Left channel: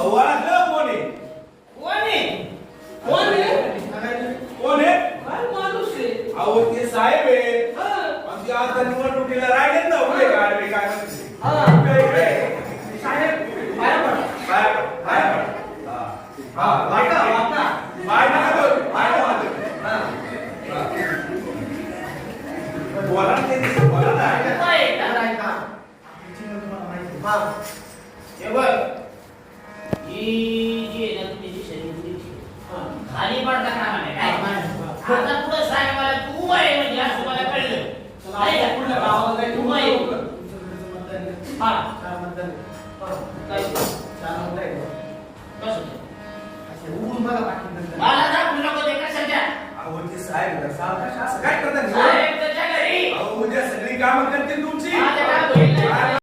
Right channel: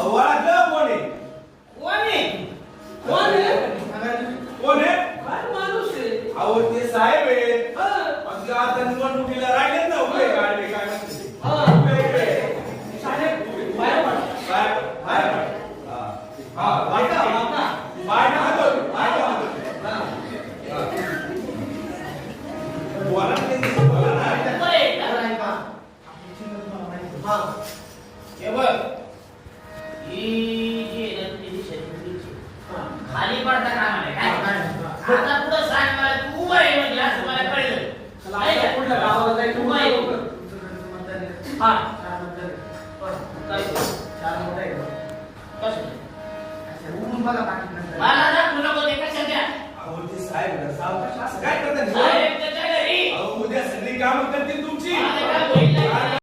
ओळखलं कोण आहे? कोण आहे? कोण आहे? कोण आहे? काय माणूस आहे? अहो ते साहेब आहे. हा. आमच्या आता निवडणुकीला राहिलेत ना उभे गाडवे काय म्हणते ते? हा. उभे, उभे. साहेब, बाहेर पडा. बाहेर पड, बाहेर पड. हा. हा, वाका, वाका. बाहेर नका जाऊ, बाहेर नका जाऊ. हा. हा. बोला ना त्यांच्याशी, बोला ना. होय, दादा ऐका. हा. हे बघ. ही जी आहे ना तुझी शरीराची. खाली पडता कामा नाही काय? आता पुढे सांग मला तू उभा आहे म्हणजे असं मला कळलं. नाही का? कुठल्या गावाला जायचं? उभा आहे. हा. काय? कसं? मला दाखवू नको ते कशाच्या? अहो ते साहेब आहे ना, साहेब असं काय करतात? साहेब त्याच्या घरी. अहो उद्या सगळी कामं करतील तुमची. माझ्या